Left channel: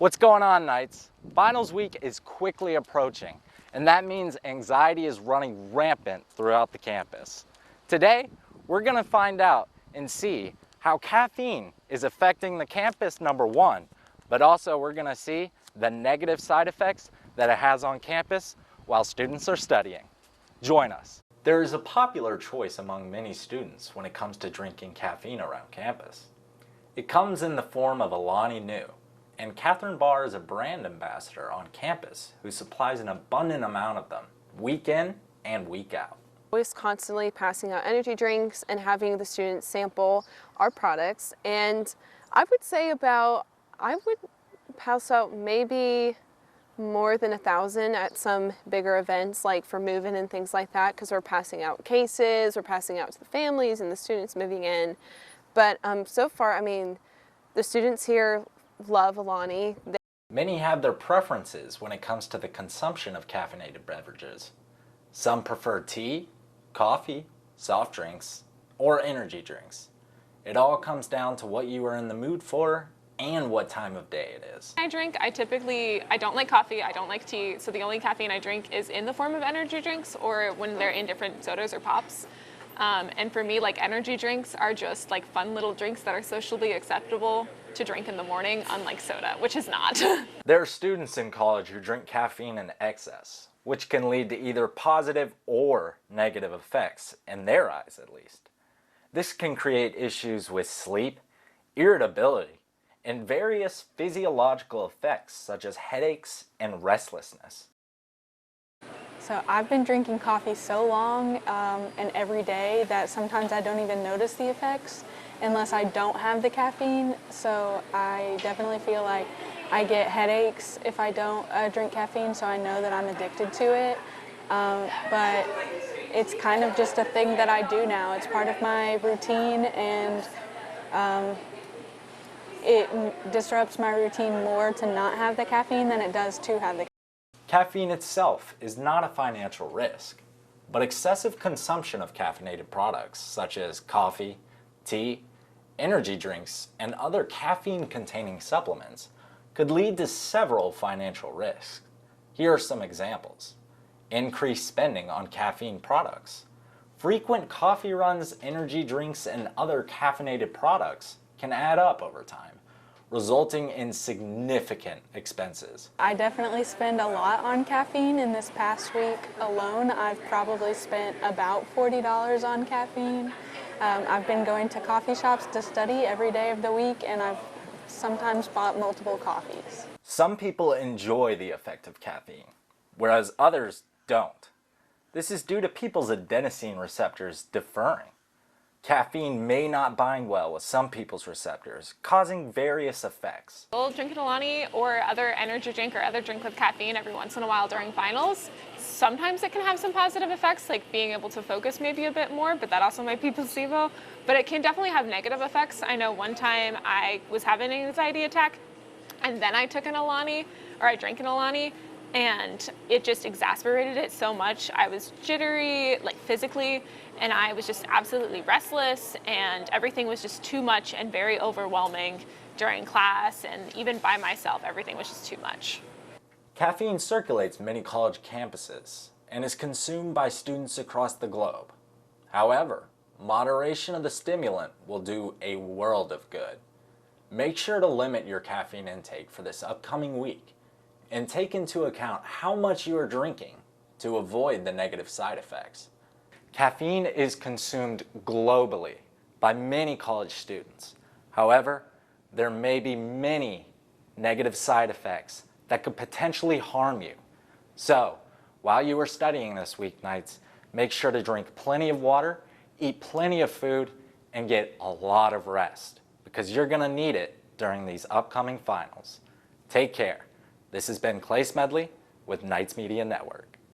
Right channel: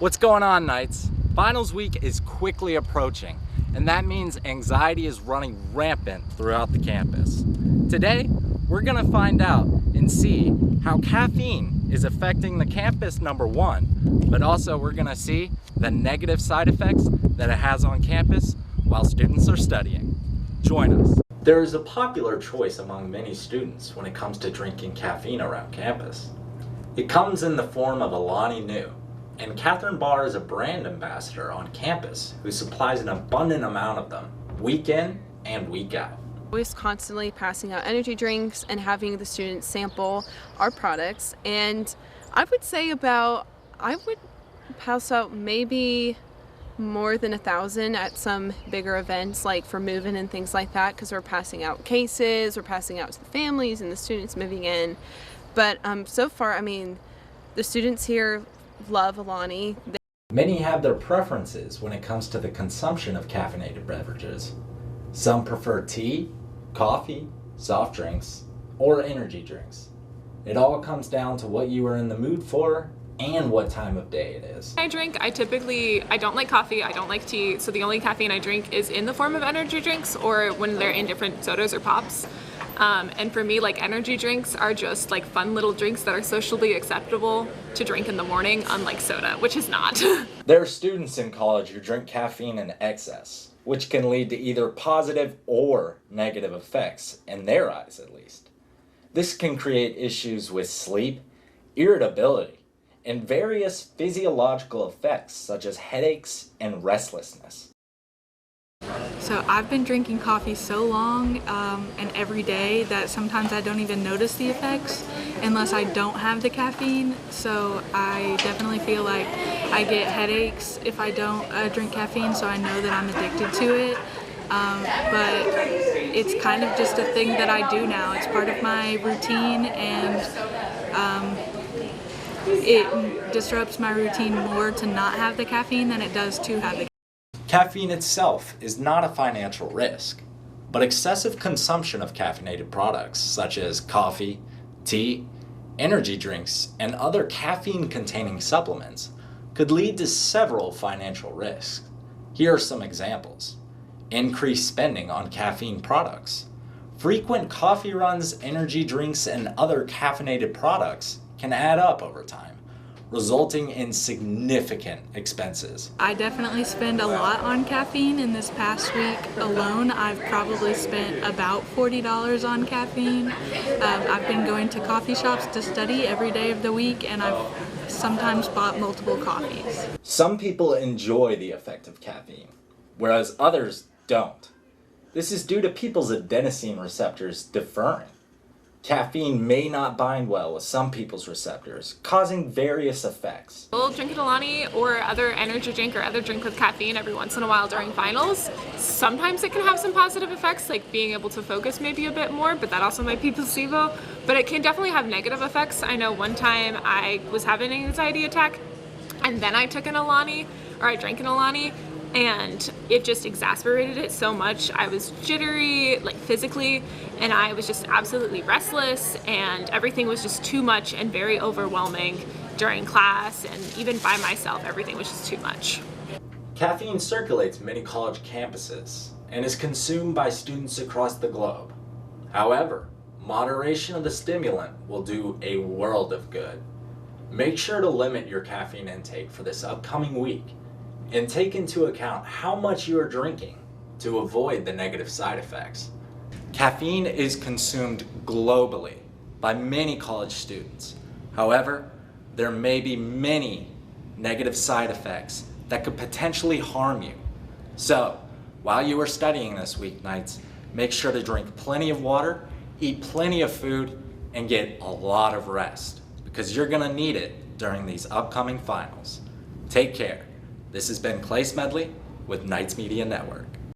What's going on, Knights? Finals week is quickly approaching, and that means anxiety is running rampant throughout the campus. Today, we're gonna find out and see how caffeine is affecting the campus, number one, but also we're gonna see the negative side effects that it has on campus while students are studying. Join us. There is a popular choice among many students when it comes to drinking caffeine around campus. It comes in the form of Alani Nu, and Catherine Barr is a brand ambassador on campus who supplies an abundant amount of them, week in and week out. Always constantly passing out energy drinks and having the students sample our products, and I would pass out maybe more than 1,000 at some bigger events like for move-in and things like that, because we're passing out cases, we're passing out to the families and the students moving in. But so far, I mean, the students here love Alani. Many have their preferences when it comes to the consumption of caffeinated beverages. Some prefer tea, coffee, soft drinks, or energy drinks. It all comes down to what you are in the mood for and what time of day it is. I don't like coffee, I don't like tea, so the only caffeine I drink is in the form of energy drinks or when they're in different sodas or pops. And for me, like, energy drinks are just like fun little drinks that are socially acceptable to drink in the morning, unlike soda, which is not. There are students in college who drink caffeine in excess, which can lead to either positive or negative effects, in their eyes at least. This can create issues with sleep, irritability, and various physiological effects such as headaches and restlessness. So I've been drinking coffee so long and every day that sometimes I don't even notice the effects unless I don't have the caffeine. So I definitely feel like I get headaches if I don't drink caffeine, so I know that I'm addicted to it. But it's kind of just a thing that I do now. It's part of my routine, and it disrupts my routine more to not have the caffeine than it does to have the caffeine. Caffeine itself is not a financial risk, but excessive consumption of caffeinated products such as coffee, tea, energy drinks, and other caffeine-containing supplements could lead to several financial risks. Here are some examples. Increased spending on caffeine products. Frequent coffee runs, energy drinks, and other caffeinated products can add up over time, resulting in significant expenses. I definitely spend a lot on caffeine. In this past week alone, I've probably spent about $40 on caffeine. I've been going to coffee shops to study every day of the week, and I've sometimes bought multiple coffees. Some people enjoy the effect of caffeine, whereas others don't. This is due to people's adenosine receptors differing. Caffeine may not bind well with some people's receptors, causing various effects. We'll drink an Alani or other energy drink or other drink with caffeine every once in a while during finals. Sometimes it can have some positive effects, like being able to focus maybe a bit more, but that also might be placebo. But it can definitely have negative effects. I know one time I was having an anxiety attack, and then I took an Alani, or I drank an Alani, and it just exacerbated it so much. I was jittery, like physically, and I was just absolutely restless, and everything was just too much and very overwhelming during class, and even by myself, everything was just too much. Caffeine circulates many college campuses and is consumed by students across the globe. However, moderation of the stimulant will do a world of good. Make sure to limit your caffeine intake for this upcoming week and take into account how much you are drinking to avoid the negative side effects. Caffeine is consumed globally by many college students. However, there may be many negative side effects that could potentially harm you. So, while you are studying this week, Knights, make sure to drink plenty of water, eat plenty of food, and get a lot of rest, because you're gonna need it during these upcoming finals. Take care. This has been Clay Smedley with Knights Media Network.